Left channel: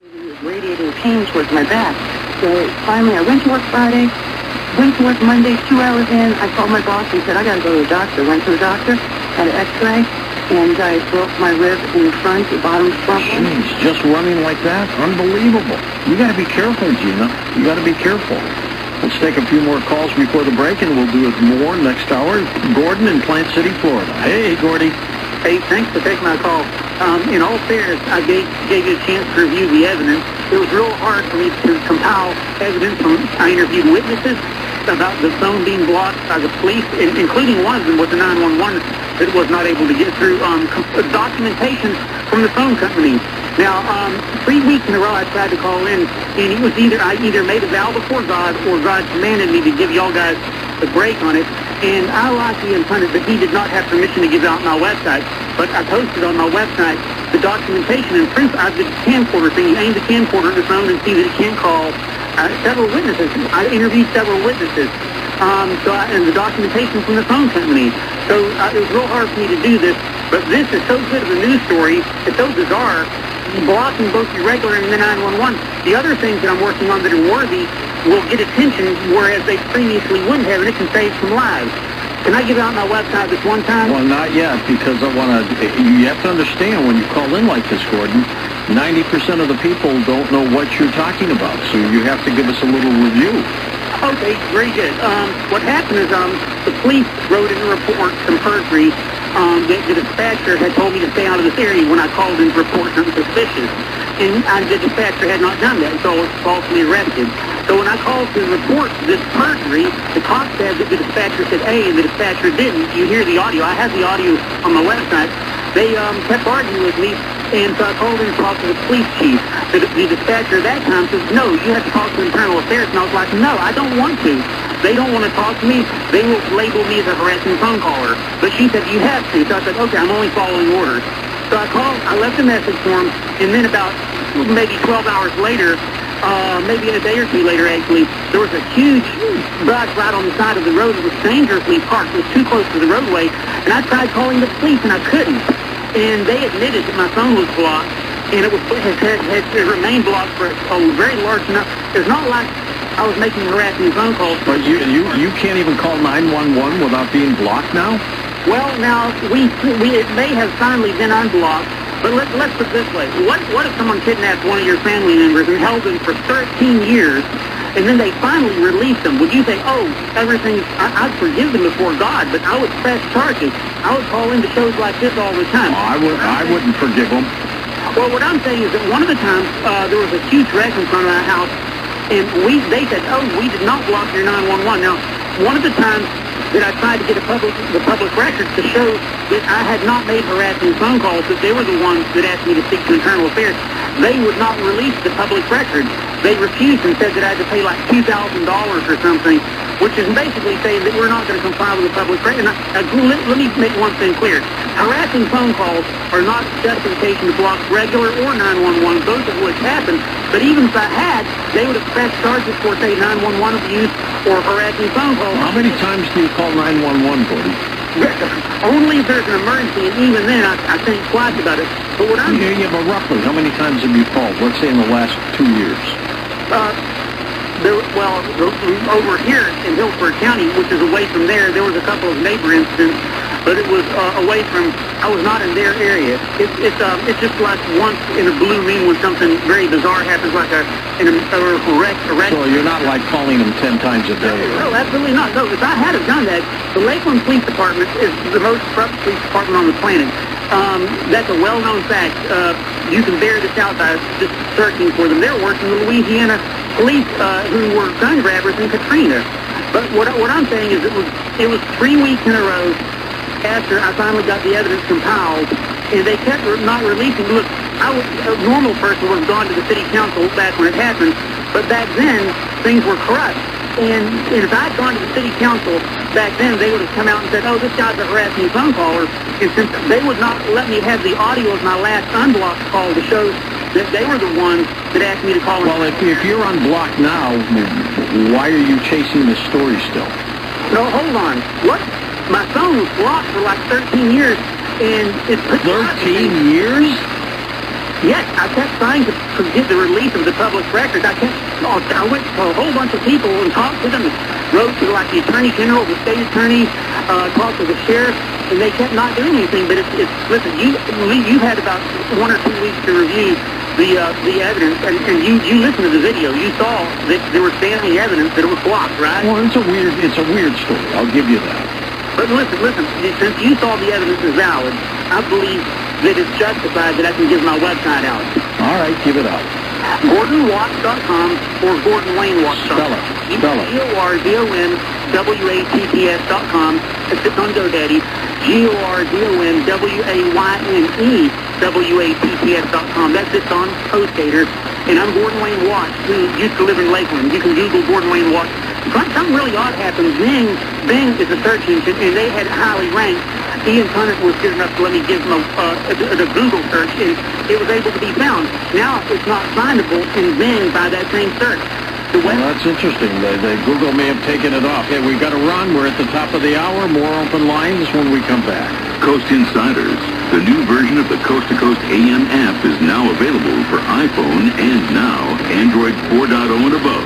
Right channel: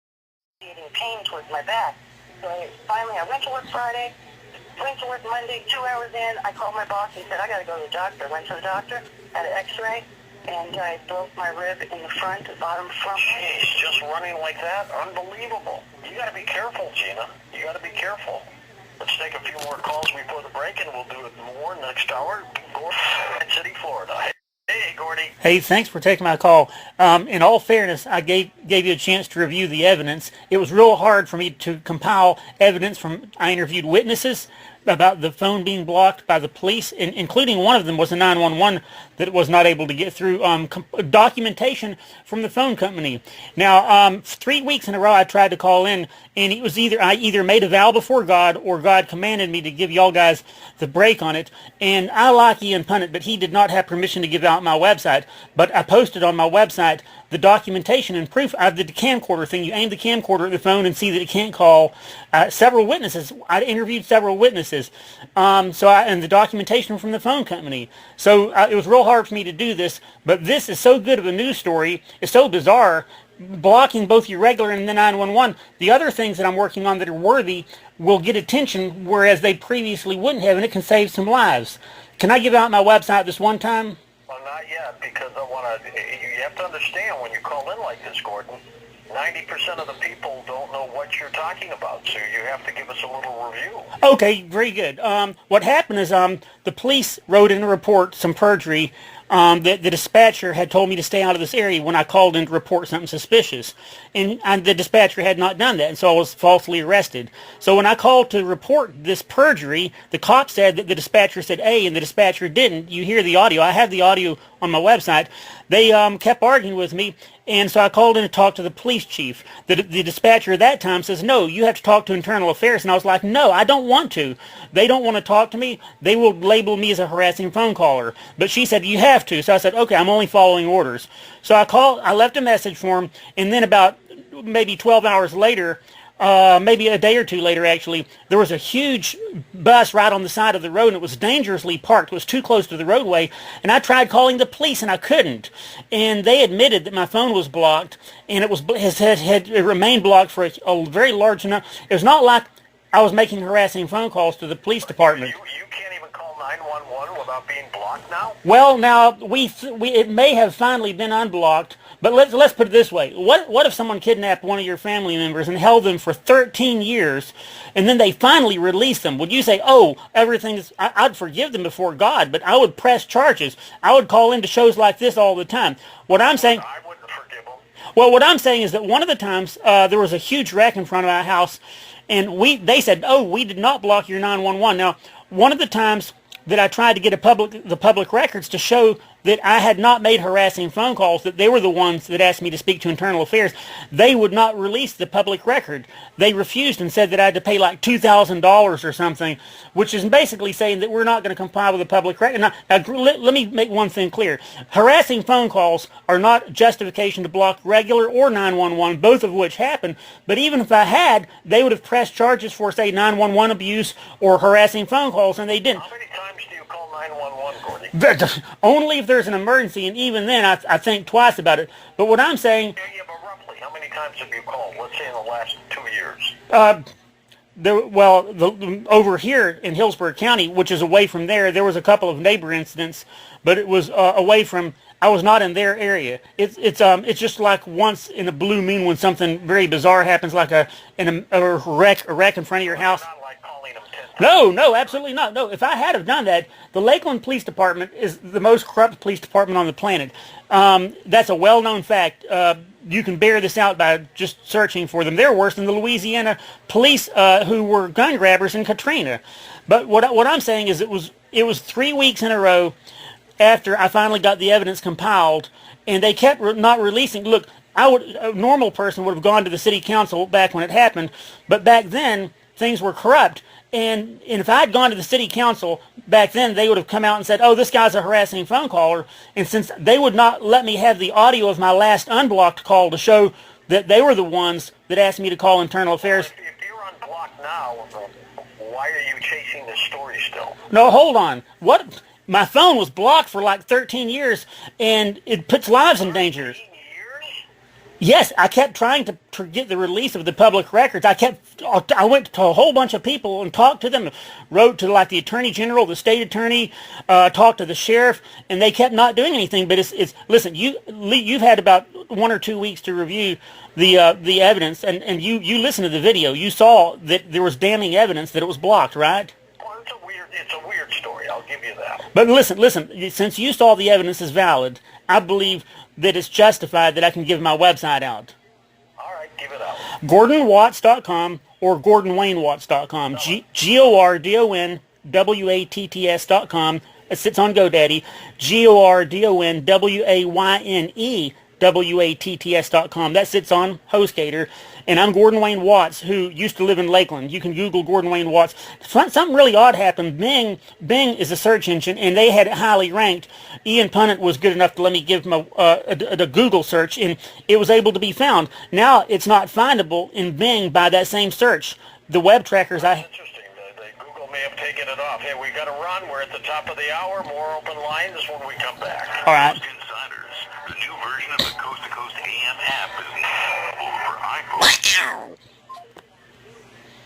Radiating pain towards my back. So finally I went to work Friday, went to work Monday, 2 hours in. I called my boss and said, I got to go to the doctor. Went to the doctor, had an x-ray, and I broke my rib in the front, the bottom front. Jeez, just running like that? Unbelievable. You got to be careful, Gina. You got to be careful. Let's take a few more calls before the break, and we'll do it more next hour. Gordon in Plant City, Florida. Hey, Gordy. Hey, thanks for taking my call. In all fairness, I gave you a chance to review the evidence. It was real hard for me to compile evidence I interviewed witnesses about the phone being blocked by the police, including one of them was a 911 that was not able to get through documentation from the phone company. Now, 3 weeks in a row I tried to call in, and it was I either made a vow before God or God commanded me to give y'all guys the break on it. And I like Ian Punnett, but he did not have permission to give out my website. But I posted on my website the documentation and proof of the camcorder thing. You aim the camcorder at the phone and see that it can call several witnesses. I interviewed several witnesses. And the documentation from the phone company. So it was real hard for me to do this. But this is so good of a news story. It's so bizarre. Blocking both your regular and the 911. The other things that I'm working on that are worthy will get attention, whereas they previously wouldn't have. It can save some lives. Can I give out my website just one time? Well, not yet, because you have to understand when you call in like this, Gordon, 90% of the people don't know what you're talking about, so you have to give us a little review. Okay, very good. What happened is the police wrote in a report some perjury. The dispatcher had told me to stay out of this area when I called in to report something suspicious. And the dispatcher had not done that, so I was falsely arrested. So when I called to report this perjury, the cop said that the dispatcher said A and the dispatcher didn't. You hear the audio. I have the audio on my website. They kept arguing with me, and so I called in and talked to the police chief. The dispatcher at that time says, no, you have to talk to internal affairs. And I was like, no, I don't want to. They don't want to talk to me. They will label me as a harassing phone caller. But she said, you have to. So I said, okay, I'm only following orders. So I left a message for him, and then about maybe 12 hours later, maybe a day or two later actually, there was a huge bus right on the side of the road that was dangerously parked. It was too close to the roadway, and I tried calling the police and I couldn't. And they admitted that my phone was blocked, and it remained blocked for a very large amount. It's not like I was making harassing phone calls. But you can't even call 911 without being blocked now? Well, now, it may have finally been unblocked, but let's put it this way. What if someone kidnapped one of your family members and held them for 13 years, and then they finally released them? Would you say, oh, I'd forgive them before God, but I would press charges. I would call into shows like this all the time. I wouldn't forgive them. Well, what I'm saying is that one of the times there was a huge wreck in front of our house, and they said, oh, we did not block your 911. Now, one of the times that I tried to get the public records to show that I had not made harassing phone calls, that they were the ones that asked me to speak to internal affairs, they would not release the public record. They refused and said that I had to pay like $2,000 or something, which is basically saying that we're not going to comply with the public record. Let me make one thing clear. Harassing phone calls are not justification to block regular or 911, both of which happen. But even if I had, they would have pressed charges for, say, 911 abuse or harassing phone calls. How many times do you call 911, Gordon? Only if there's an emergency, and even then I think twice about it. But what I'm saying... Yeah, but roughly, how many times have you called, let's say in the last 2 years? Over here in Hillsborough County, which is away from there was a couple of neighbor incidents, but it was away from, I was not in their area. It's just like once in a blue moon when something very bizarre happens, like a wreck. So you're not like calling them 10 times a day? No, absolutely not. No, if I had have done that, the Lakeland Police Department is the most corrupt police department on the planet. That's a well-known fact. You can bear this out by just searching for them. They're worse than the Louisiana police who were gun grabbers in the trainer. But what I'm saying is it was 3 weeks in a row after I finally got the evidence compiled, and they kept not releasing. Look, a normal person would have gone to the city council back when it happened, but back then things were corrupt. And if I'd gone to the city council back then, they would have come out and said, oh, this guy's a harassing phone caller. And since they would not let me have the audio of my last unblocked call to show that they were the ones that asked me to call internal affairs. If you're unblocked now, why are you chasing this story still? No, hold on. What? My phone was blocked for like 13 years, and it puts lives in danger. 13 years? Yes, I kept trying to get the release of the public records. I went to a whole bunch of people and talked to them, and wrote to like the Attorney General, the State Attorney, talked to the Sheriff, and they kept not doing anything. But listen, you've had about 1 or 2 weeks to review the evidence, and you listened to the video. You saw that there was damning evidence that it was blocked, right? Well, it's a weird story. I'll give you that. But listen, since you saw the evidence is valid, I believe that it's justified that I can give my website out. All right, give it out. GordonWatts.com or GordonWayneWatts.com. GordonWatts.com. It sits on GoDaddy. GordonWayneWatts.com. That sits on HostGator. And I'm Gordon Wayne Watts, who used to live in Lakeland. You can Google Gordon Wayne Watts. Something really odd happened. Bing is a search engine, and they had it highly ranked. Ian Conant was good enough to let me give him a Google search, and it was able to be found. Now it's not findable in Bing by that same search. The web that's interesting. The Google may have taken it off. Hey, we've got to run. We're at the top of the hour. More open lines when we come back. Coast Insiders, the new version of the Coast to Coast AM app is now available for iPhone and now Android 4.0 and above.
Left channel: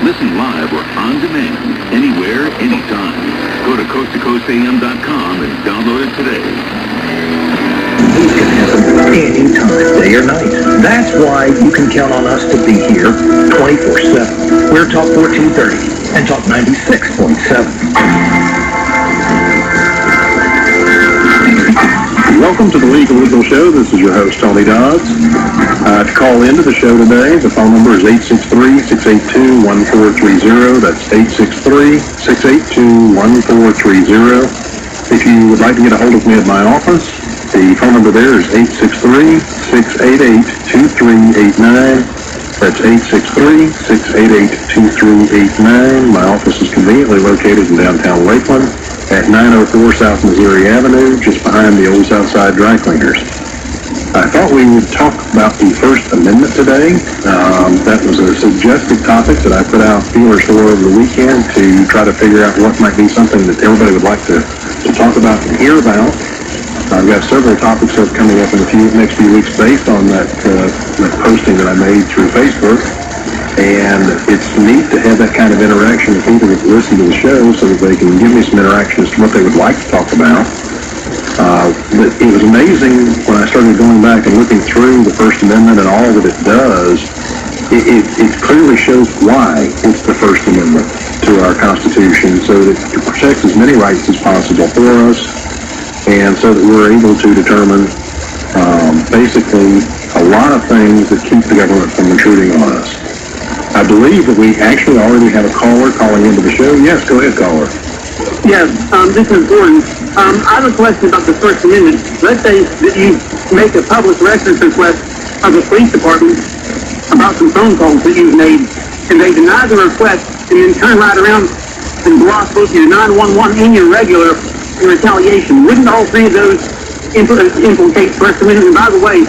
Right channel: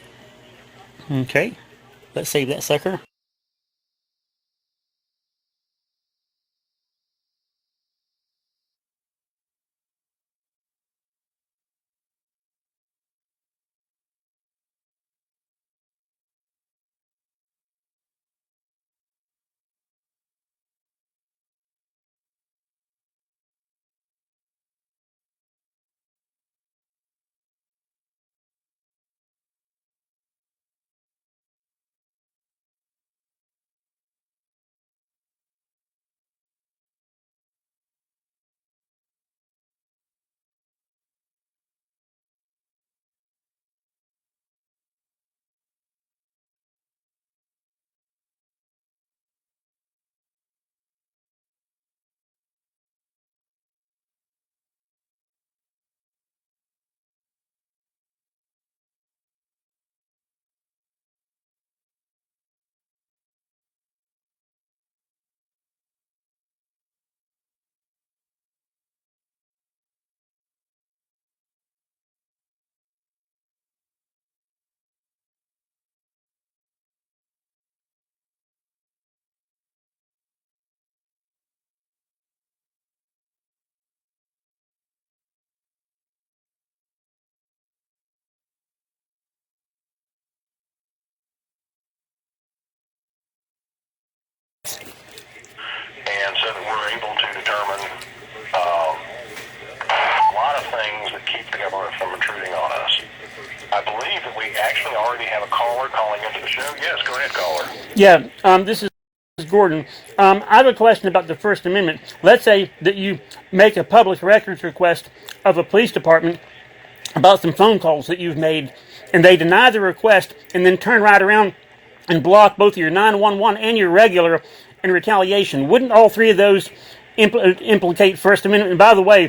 Listen live or on demand, anywhere, anytime. Go to coasttocoastam.com and download it today. These can happen anytime, day or night. That's why you can count on us to be here 24/7. We're Talk 1430 and Talk 96.7. Welcome to the Legal Show. This is your host, Tony Dodds. To call into the show today, the phone number is 863-682-1430. That's 863-682-1430. If you would like to get a hold of me at my office, the phone number there is 863-688-2389. That's 863-688-2389. My office is conveniently located in downtown Lakeland at 904 South Missouri Avenue, just behind the old Southside Dry Cleaners. I thought we would talk about the First Amendment today. That was a suggested topic that I put out feelers for over the weekend to try to figure out what might be something that everybody would like to talk about and hear about. I've got several topics that are coming up in the next few weeks based on that posting that I made through Facebook. And it's neat to have that kind of interaction with people that listen to the show so that they can give me some interaction as to what they would like to talk about. But it was amazing when I started going back and looking through the First Amendment and all that it does. It clearly shows why it's the First Amendment to our Constitution, so that it protects as many rights as possible for us, and so that we're able to determine basically a lot of things that keep the government from intruding on us. I believe that we actually already have a caller calling into the show. Yes, go ahead, caller. Yeah. Yes, this is Gordon. I have a question about the First Amendment. Let's say that you make a public records request of the police department about some phone calls that you've made, and they deny the request, and then turn right around and block both your 911 and your regular in retaliation. Wouldn't all three of those implicate First Amendment? And by the way,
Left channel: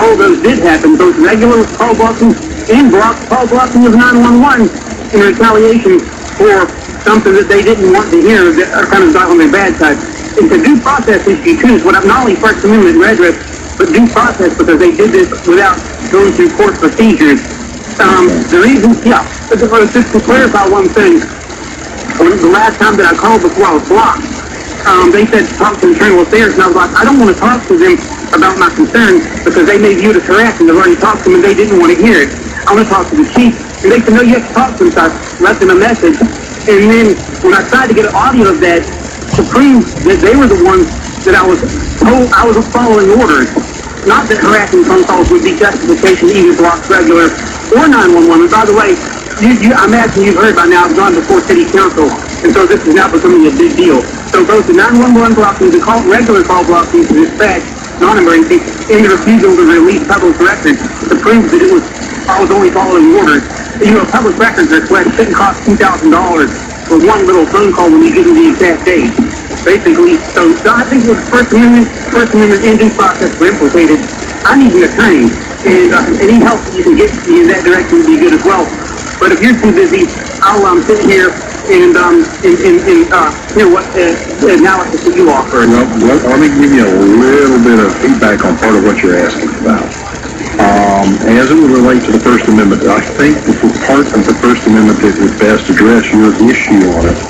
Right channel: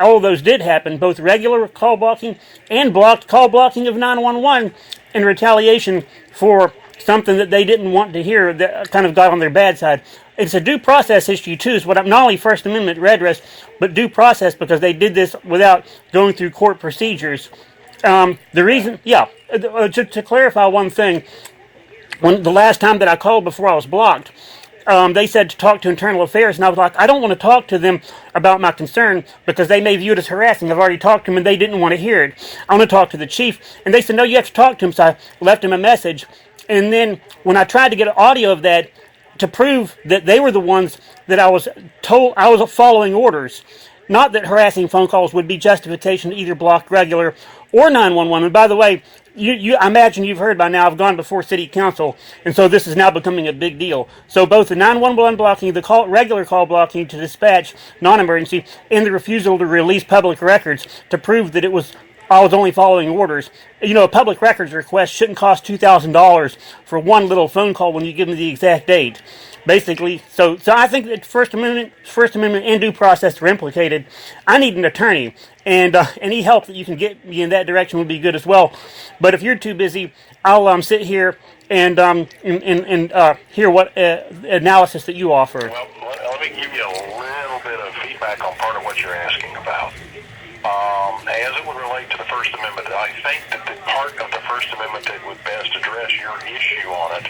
all those did happen, both regular call blocking and call blocking of 911 in retaliation for something that they didn't want to hear, that are kind of got on their bad side. It's a due process issue too. It's not only First Amendment redress, but due process, because they did this without going through court procedures. The reason, to clarify one thing, the last time that I called before I was blocked, they said to talk to Internal Affairs, and I was like, I don't want to talk to them about my concern because they may view it as harassing. I've already talked to them and they didn't want to hear it. I want to talk to the chief, and they said, no, you have to talk to him. So I left them a message, and then when I tried to get audio of that to prove that they were the ones that I was told I was following orders, not that harassing phone calls would be justification to either block regular or 911. And by the way, I imagine you've heard by now, I've gone before City Council, and so this is now becoming a big deal. So both the 911 blocking, the regular call blocking to dispatch non-emergency, and the refusal to release public records to prove that I was only following orders. A public records request shouldn't cost $2,000 for one little phone call when you give them the exact date. Basically, so I think with First Amendment and due process were implicated, I need an attorney, and any help you can get me in that direction would be good as well. But if you're too busy, I'll sit here and hear what analysis that you offer. Well, let me give you a little bit of feedback on part of what you're asking about. As it relates to the First Amendment, I think that the part of the First Amendment that would best address your issue on it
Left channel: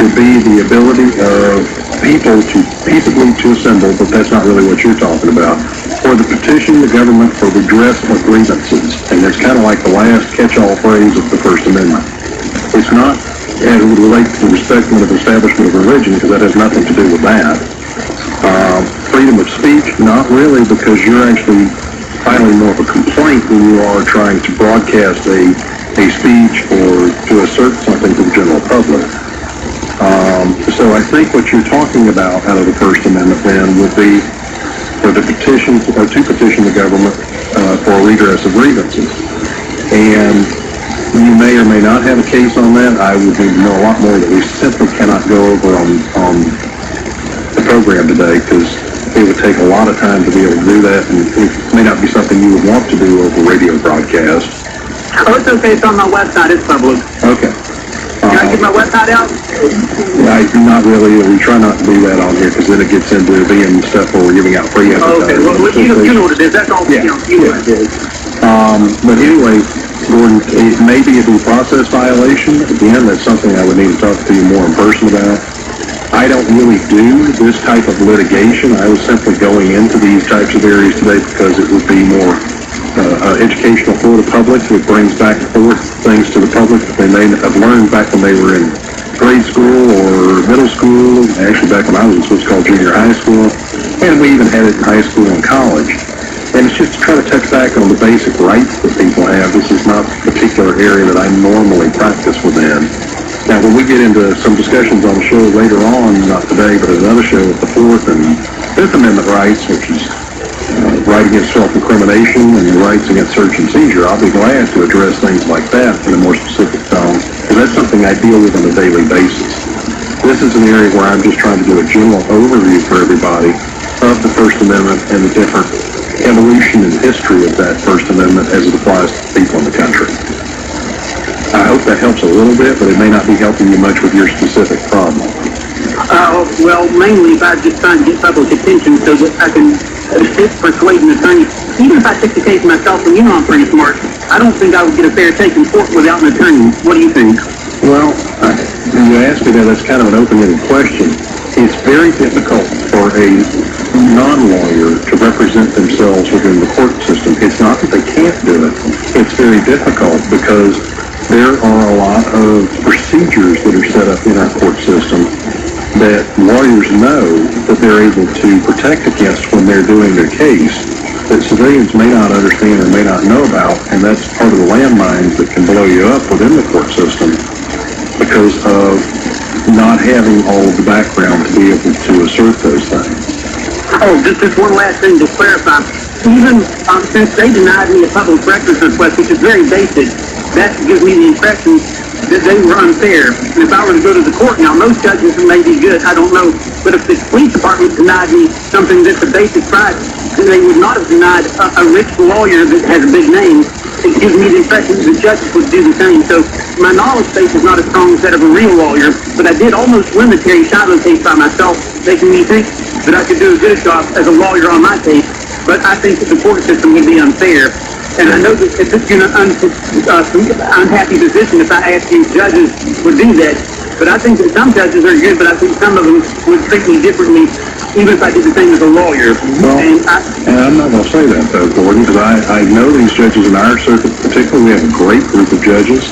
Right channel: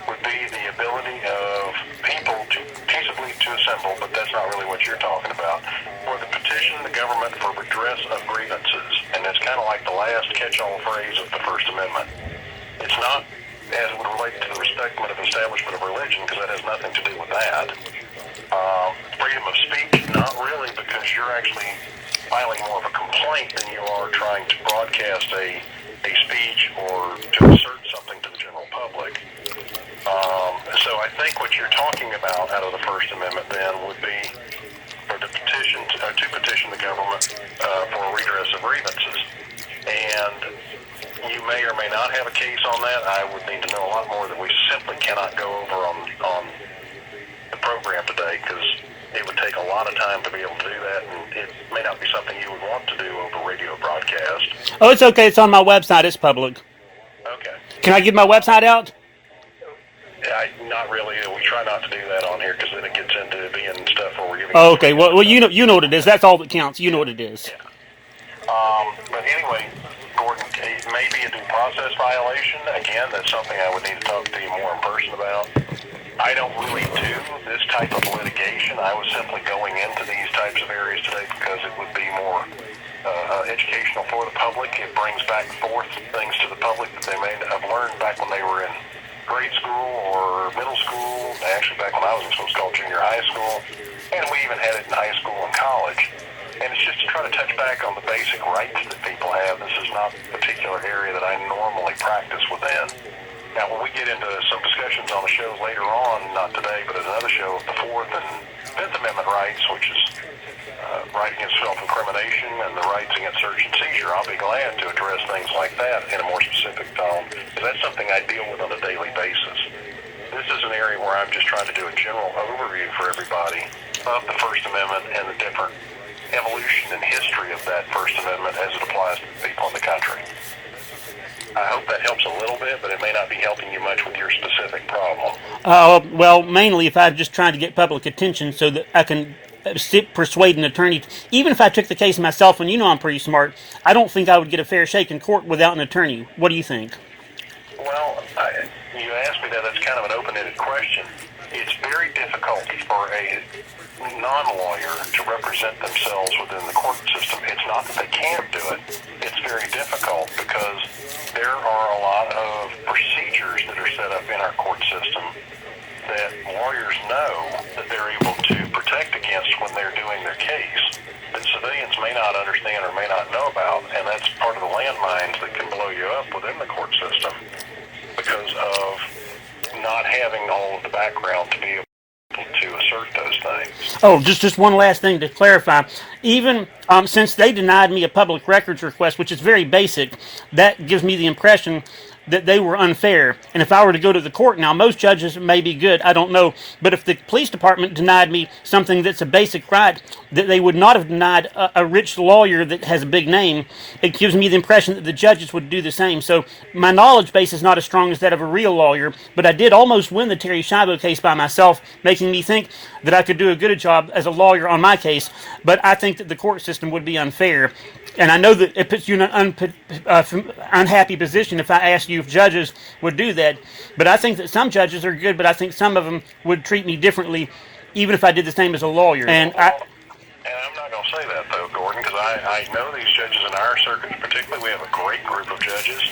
would be the ability of people to peaceably to assemble, but that's not really what you're talking about, or to petition the government for redress of grievances. And it's kind of like the last catch-all phrase of the First Amendment. It's not as it relates to the respect of establishment of religion, because that has nothing to do with that. Freedom of speech, not really, because you're actually filing more of a complaint than you are trying to broadcast a speech or to assert something to the general public. So I think what you're talking about out of the First Amendment then would be for the petition, to petition the government for redress of grievances. And you may or may not have a case on that. I would need to know a lot more that we simply cannot go over on the program today, because it would take a lot of time to be able to do that, and it may not be something you would want to do over radio broadcast. Oh, it's okay. It's on my website. It's public. Okay. Can I get my website out? Yeah, not really. We try not to do that on here, because then it gets into being stuff where we're giving out free Well, but anyway, Gordon, it may be a due process violation. Again, that's something I would need to talk to you more in person about. I don't really do this type of litigation. I was simply going into these types of areas today because it would be more educational for the public. It brings back and forth things to the public that they may have learned back when they were in grade school or middle school, actually back when I was what's called junior high school, and we even had it in high school and college. And it's just to try to touch back on the basic rights that people have. This is not a particular area that I normally practice within. Now, when we get into some discussions on the show later on, not today, but another show with the Fourth and Fifth Amendment rights, which is right against self-incrimination and rights against search and seizure, I'll be glad to address things like that in a more specific tone, because that's something I deal with on a daily basis. This is an area where I'm just trying to do a general overview for everybody of the First Amendment and the different evolution and history of that First Amendment as it applies to people in the country. I hope that helps a little bit, but it may not be helping you much with your specific problem. Mainly if I just try to get public attention so that I can assist persuading the attorney. Even if I took the case myself for you know pretty smart, I don't think I would get a fair take in court without an attorney. What do you think? Well, you asked me that as kind of an open-ended question. It's very difficult for a non-lawyer to represent themselves within the court system. It's not that they can't do it. It's very difficult because there are a lot of procedures that are set up in our court system that lawyers know that they're able to protect against when they're doing their case that civilians may not understand or may not know about, and that's part of the landmines that can blow you up within the court system because of not having all of the background to be able to assert those certain things. Oh, just one last thing to clarify. Even since they denied me a public records request, which is very basic, that gives me the impression that they were unfair. And if I were to go to the court now, most judges may be good, I don't know. But if the police department denied me something that's a basic right, then they would not have denied a rich lawyer that has a big name. It gives me the impression that the judges would do the same. So my knowledge base is not as strong as that of a real lawyer, but I did almost win the Terry Shiloh case by myself, making me think that I could do a good job as a lawyer on my case. But I think that the court system would be unfair. And I know that if it's in an unhappy position, if I asked you, judges would do that. But I think that some judges are good, but I think some of them would treat me differently, even if I did the same as a lawyer. And I'm not going to say that, though, Gordon, because I know these judges in our circuit, particularly, we have a great group of judges,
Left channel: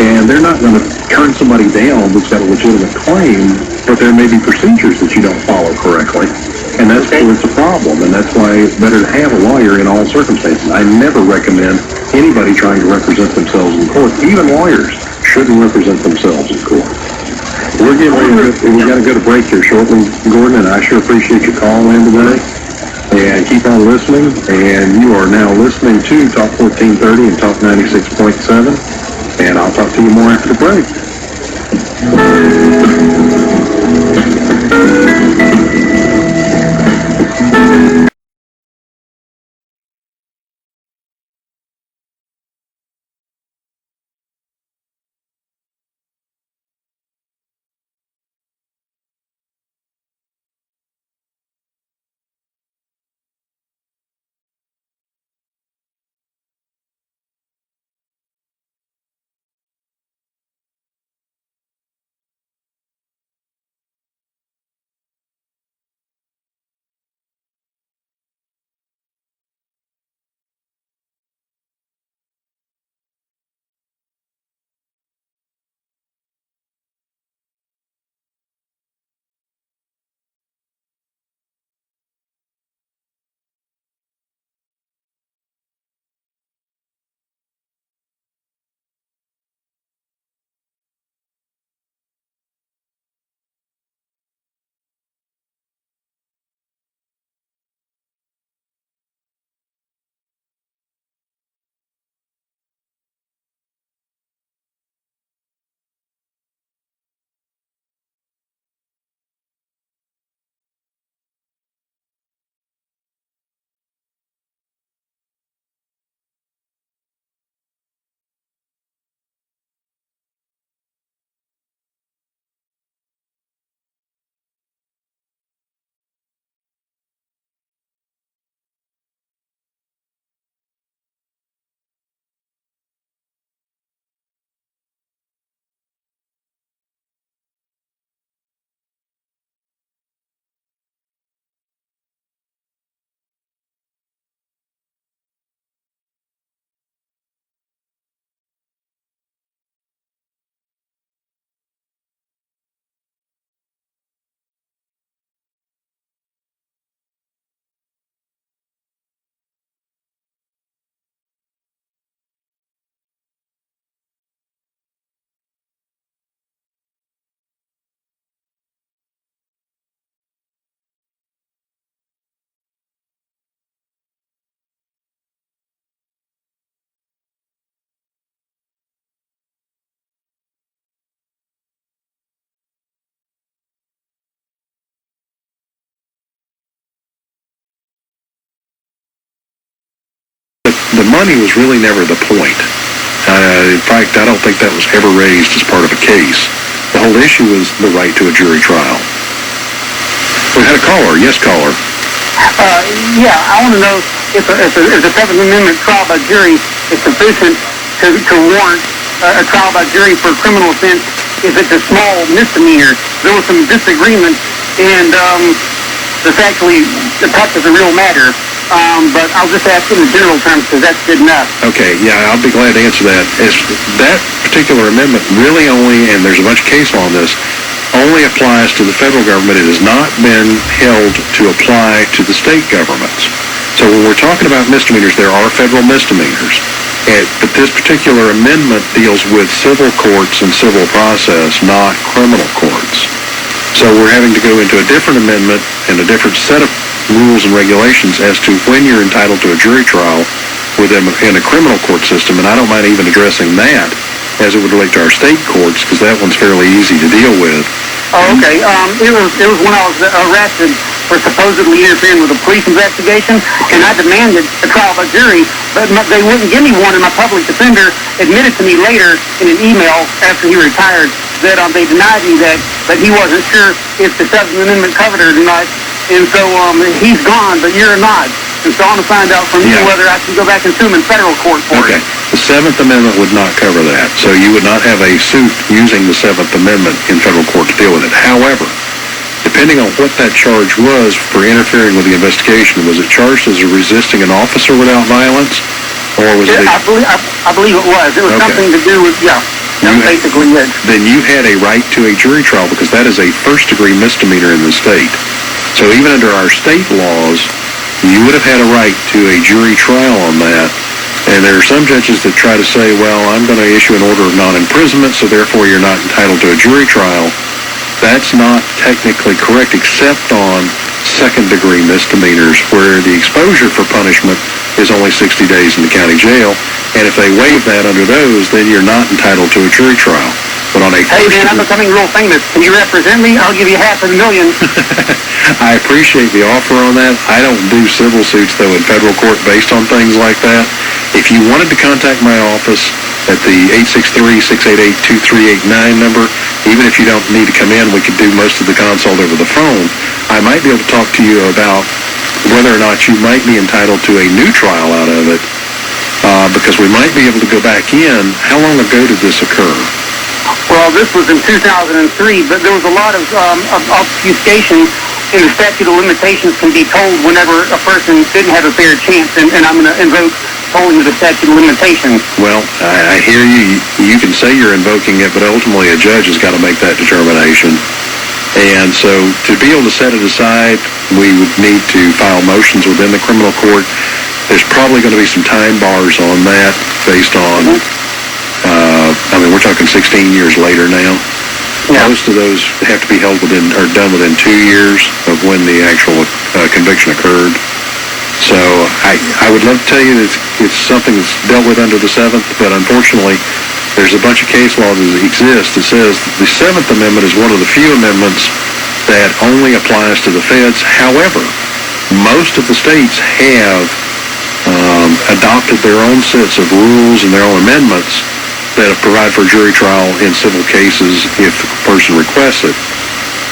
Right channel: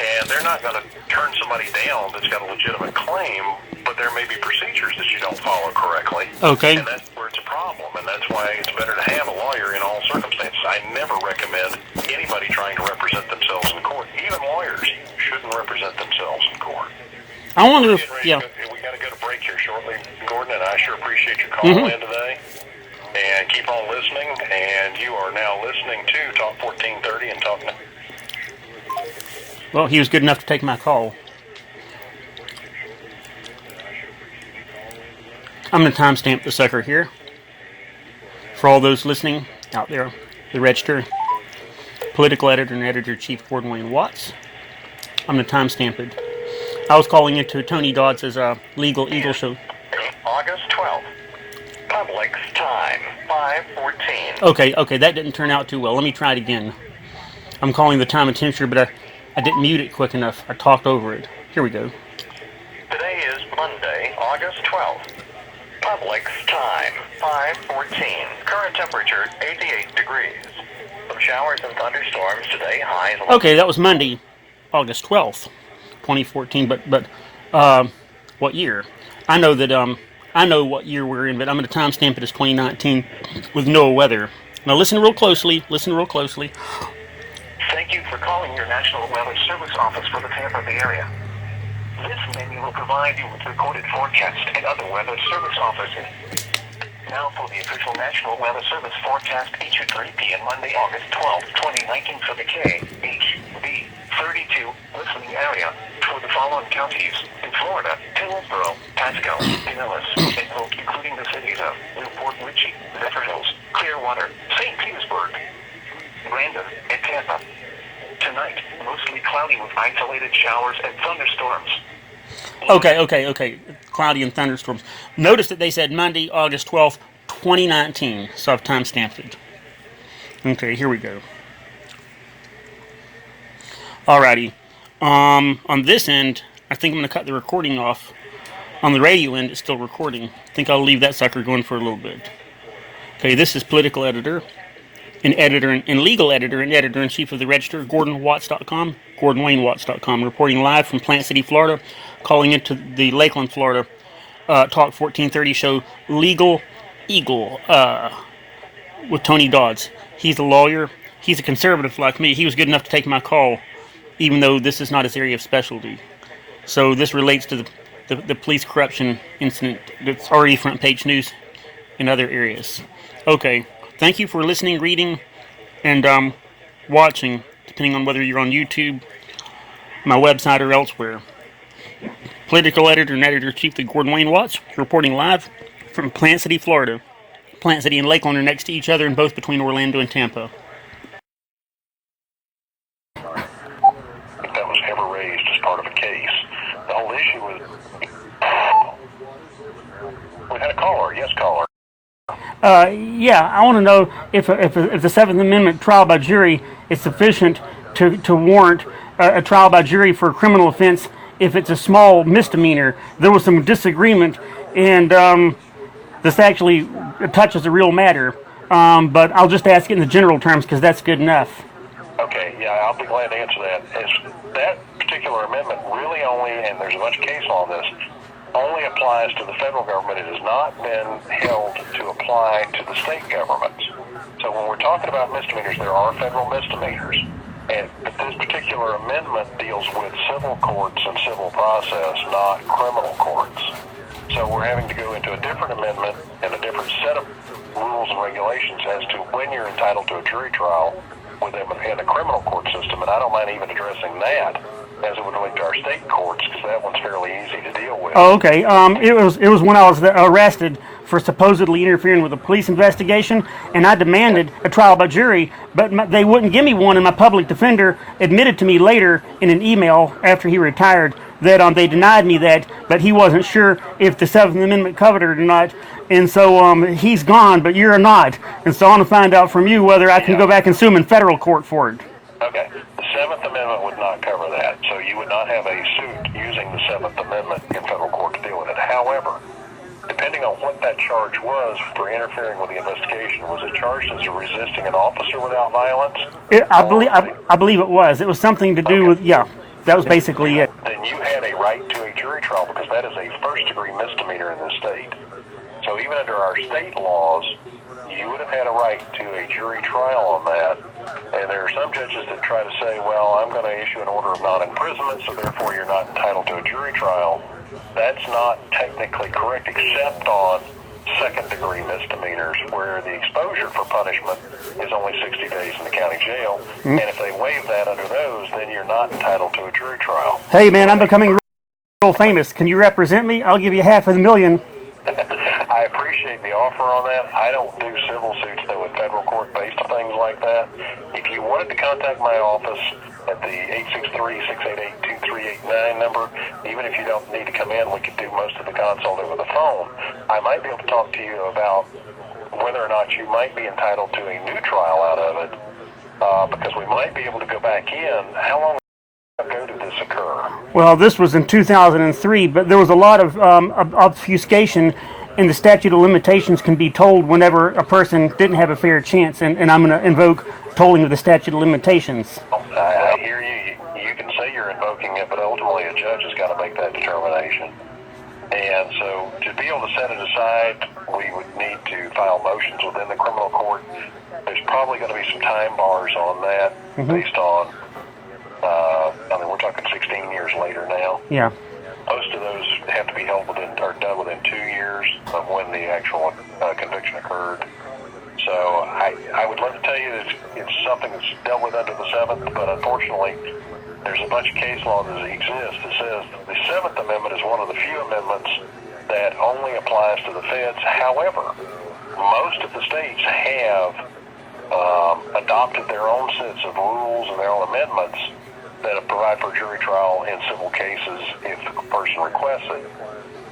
and they're not going to turn somebody down that's got a legitimate claim, but there may be procedures that you don't follow correctly. Okay. And that's always the problem, and that's why it's better to have a lawyer in all circumstances. I never recommend anybody trying to represent themselves in court. Even lawyers shouldn't represent themselves in court. We got to go to break here shortly, Gordon, and I sure appreciate your calling in today. And keep on listening, and you are now listening to Talk 1430 and Talk 96.7, and I'll talk to you more after the break. I'm the timestamp secretary. For all those listening out there, the Register, political editor and editor-in-chief Gordon Wayne Watts. I'm the timestamped I was calling into Tony Dodds' Legal Eagle show. August 12th. Public's time, 5:14. Okay, that didn't turn out too well. Let me try it again. I'm calling the time and temperature, but I didn't mute it quick enough. I talked over it. Here we go. Today is Monday, August 12th. Public's time, 5:14. Current temperature, 88 degrees. Some showers and thunderstorms today, highs. Okay, that was Monday, August 12th, 2014. But what year? I know that I know what year we're in, but I'm going to timestamp it as 2019 with no weather. Now listen real closely. Thank you for calling your National Weather Service office for the Tampa Bay area. This menu will provide you with recorded forecast and other weather service offices. Now for the official National Weather Service forecast, 8:30 p.m. Monday, August 12th, 2019 for the KHB 32 listening area for the following counties in Florida: Hillsborough, Pasco, Pinellas, including the cities of Newport Richey, Zephyr Hills, Clearwater, St. Petersburg, Brandon, and Tampa. Tonight, mostly cloudy with isolated showers and thunderstorms. Okay. Cloudy and thunderstorms. Notice that they said Monday, August 12th, 2019. So I've timestamped it. Okay, here we go. Alrighty. On this end, I think I'm going to cut the recording off. On the radio end, it's still recording. I think I'll leave that sucker going for a little bit. Okay, this is political editor, and legal editor, and editor-in-chief of the Register, GordonWatts.com, GordonWayneWatts.com, reporting live from Plant City, Florida, calling into the Lakeland, Florida, Talk 1430 show, Legal Eagle, with Tony Dodds. He's a lawyer. He's a conservative like me. He was good enough to take my call, even though this is not his area of specialty. So this relates to the police corruption incident that's already front page news in other areas. Okay, thank you for listening, reading, and watching, depending on whether you're on YouTube, my website, or elsewhere. Political editor and editor-chief of Gordon Wayne Watts, reporting live from Plant City, Florida. Plant City and Lakeland are next to each other, and both between Orlando and Tampa. The money was really never the point. In fact, I don't think that was ever raised as part of a case. The whole issue was the right to a jury trial. We had a caller. Yes, caller. Yeah, I want to know if the Seventh Amendment trial by jury is sufficient to warrant a trial by jury for a criminal offense if it's a small misdemeanor. There was some disagreement, and this actually touches a real matter. But I'll just ask in general terms because that's good enough. Okay, yeah, I'll be glad to answer that. That particular amendment really only, and there's a bunch of case law on this, only applies to the federal government. It has not been held to apply to the state governments. So when we're talking about misdemeanors, there are federal misdemeanors. But this particular amendment deals with civil courts and civil process, not criminal courts. So we're having to go into a different amendment and a different set of rules and regulations as to when you're entitled to a jury trial within a criminal court system, and I don't mind even addressing that as it would relate to our state courts, because that one's fairly easy to deal with. Oh, okay. It was when I was arrested for supposedly interfering with a police investigation, and I demanded a trial by jury, but they wouldn't give me one, and my public defender admitted to me later in an email after he retired that they denied me that, but he wasn't sure if the Seventh Amendment covered it or not. And so he's gone, but you're not. And so I want to find out from you whether I can go back and sue him in federal court for it. The Seventh Amendment would not cover that. So you would not have a suit using the Seventh Amendment in federal court to deal with it. However, depending on what that charge was for interfering with the investigation, was it charged as resisting an officer without violence? Or was it... I believe it was. It was something to do with, basically, yes. Then you had a right to a jury trial because that is a first-degree misdemeanor in the state. So even under our state laws, you would have had a right to a jury trial on that. And there are some judges that try to say, well, I'm going to issue an order of non-imprisonment, so therefore you're not entitled to a jury trial. That's not technically correct, except on second-degree misdemeanors, where the exposure for punishment is only 60 days in the county jail. And if they waive that under those, then you're not entitled to a jury trial. Hey, man, I'm becoming real famous. Can you represent me? I'll give you $500,000. I appreciate the offer on that. I don't do civil suits, though, in federal court based on things like that. If you wanted to contact my office, at the 863-688-2389 number. Even if you don't need to come in, we could do most of the consult over the phone. I might be able to talk to you about whether or not you might be entitled to a new trial out of it, because we might be able to go back in. How long ago did this occur? Well, this was in 2003, but there was a lot of obfuscation in the statute of limitations can be told whenever a person didn't have a fair chance, and I'm going to invoke tolling of the statute of limitations. Well, I hear you. You can say you're invoking it, but ultimately a judge has got to make that determination. And so to be able to set it aside, we would need to file motions within the criminal court. There's probably going to be some time bars on that based on, we're talking 16 years later now. Yeah. Most of those have to be held within, or done within 2 years of when the actual conviction occurred. So I would love to tell you that it's something that's dealt with under the 7th, but unfortunately there's a bunch of case law that exists that says the 7th Amendment is one of the few amendments that only applies to the feds. However, most of the states have adopted their own sets of rules and their own amendments that provide for a jury trial in civil cases if the person requests it.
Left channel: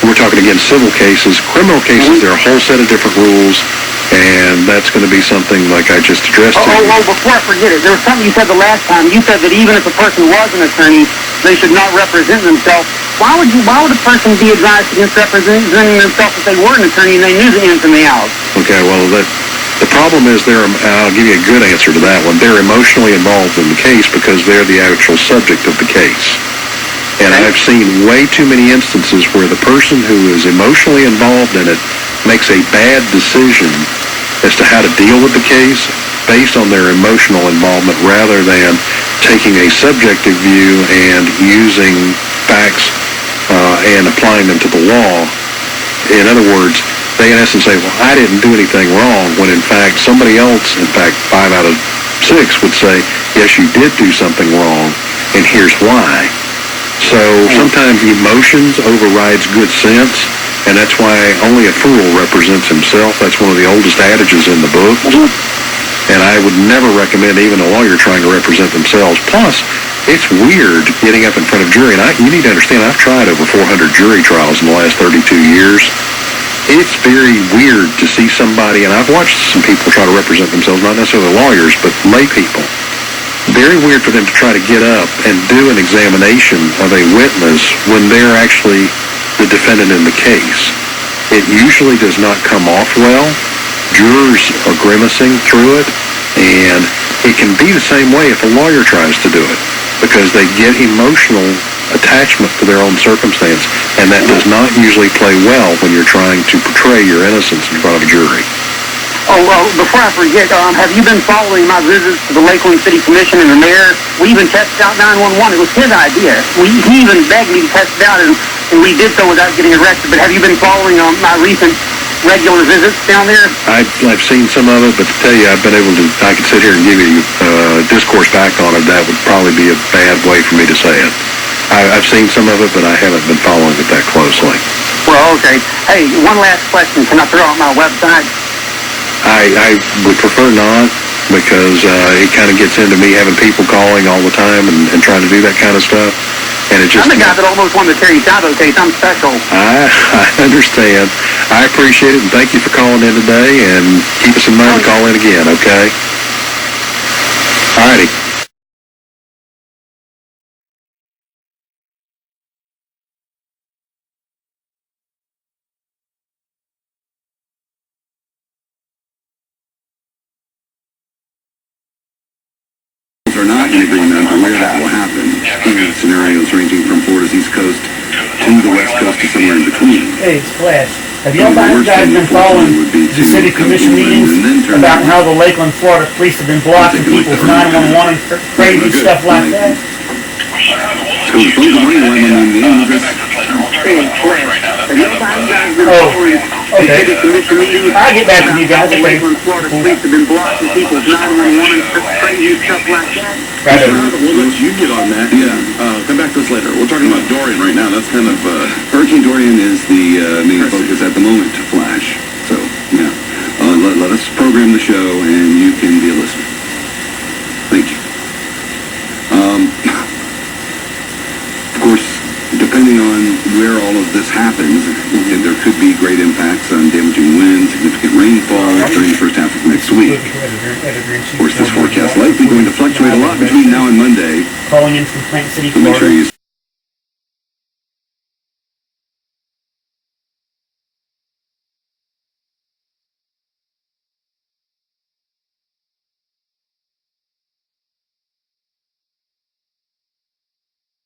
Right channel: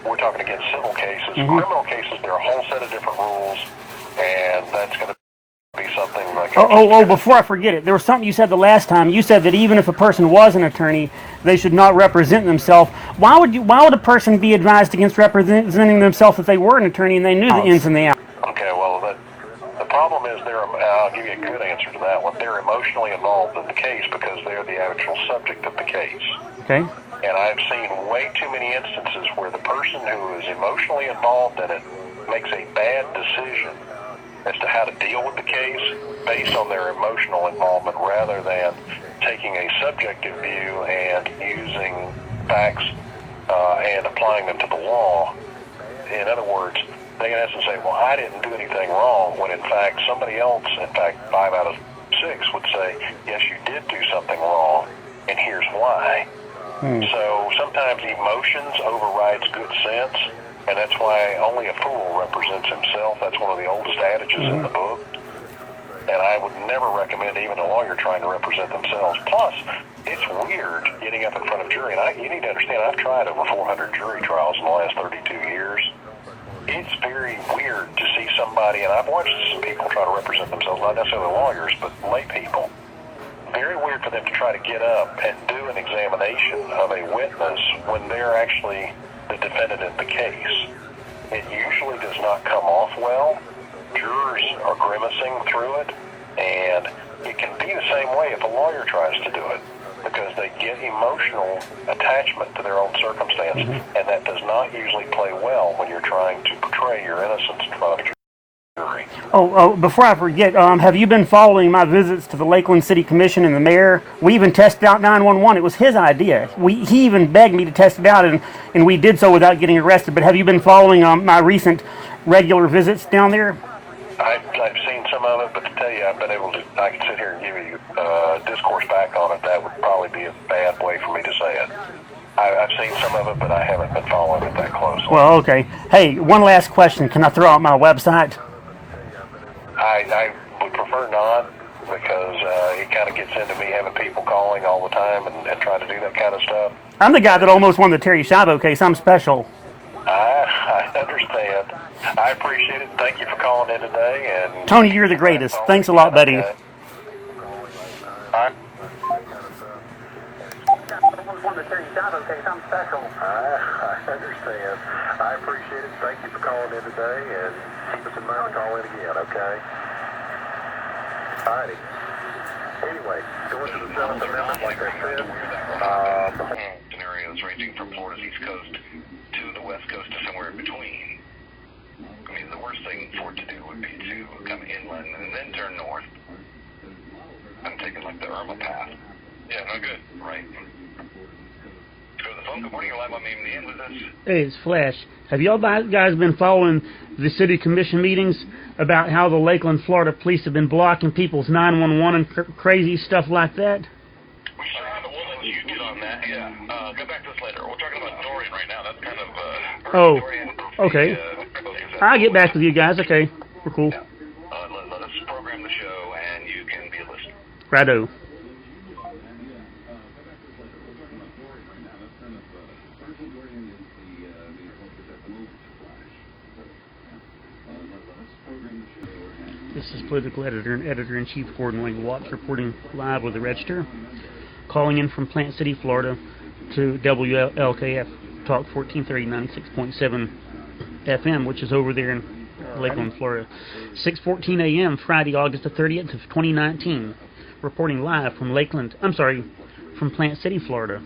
We're talking again civil cases. Criminal cases, there are a whole set of different rules, and that's going to be something like I just addressed. Before I forget it, there was something you said the last time. You said that even if a person was an attorney, they should not represent themselves. Why would a person be advised against representing themselves if they were an attorney and they knew the ins and the outs? Okay, well, the problem is I'll give you a good answer to that one. They're emotionally involved in the case because they're the actual subject of the case. Okay. And I've seen way too many instances where the person who is emotionally involved in it makes a bad decision as to how to deal with the case based on their emotional involvement rather than taking a subjective view and using facts and applying them to the law. In other words, they in essence say, well, I didn't do anything wrong, when in fact somebody else, in fact 5 out of 6 would say, yes, you did do something wrong, and here's why. So sometimes emotions overrides good sense, and that's why only a fool represents himself. That's one of the oldest adages in the book. And I would never recommend even a lawyer trying to represent themselves. Plus, it's weird getting up in front of jury. And you need to understand, I've tried over 400 jury trials in the last 32 years. It's very weird to see somebody, and I've watched some people try to represent themselves, not necessarily lawyers, but lay people. Very weird for them to try to get up and do an examination of a witness when they're actually the defendant in the case. It usually does not come off well. Jurors are grimacing through it, and it can be the same way if a lawyer tries to do it, because they get emotional attachment to their own circumstance, and that does not usually play well when you're trying to portray your innocence in front of a jury. Oh, well, before I forget, have you been following my visits to the Lakeland City Commission and the mayor? We even tested out 911. It was his idea. He even begged me to test it out, and we did so without getting arrested. But have you been following my recent regular visits down there? I've seen some of it, but to tell you, I could sit here and give you discourse back on it. That would probably be a bad way for me to say it. I've seen some of it, but I haven't been following it that closely. Well, okay. Hey, one last question. Can I throw out my website? I would prefer not, because it kind of gets into me having people calling all the time and trying to do that kind of stuff. And it just... I'm the guy that always wanted to tear you down, okay? I'm special. I understand. I appreciate it, and thank you for calling in today, and keep us in mind to call in again, okay? All righty. I appreciate it. Thank you for calling in today, and keep us in mind to call in again, okay? Alrighty. Anyway. Are not in agreement on where that will happen. Scenarios ranging from Florida's East Coast to the West Coast to somewhere in between. Hey, it's Flash. Have y'all guys been following the city commission meetings about how the Lakeland Florida Police have been blocking people's 911 and crazy stuff like that? So the phone number, you want my name, address? Okay. I'll get back to you guys. Once you get on that, come back to us later. We're talking about Dorian right now. That's kind of, Hurricane Dorian is the main focus at the moment to Flash. I'll get back to you guys, okay. Let us program the show, and you can be a listener. I do. where all of this happens, and there could be great impacts on damaging winds, significant rainfall during the first half of next week. Of course, this forecast likely going to fluctuate a lot between now and Monday. Calling in from Plant City, So make sure you to WLKF Talk 1430 96.7 FM, which is over there in Lakeland, Florida. 6:14 a.m. Friday, August the 30th of 2019. Reporting live from from Plant City, Florida.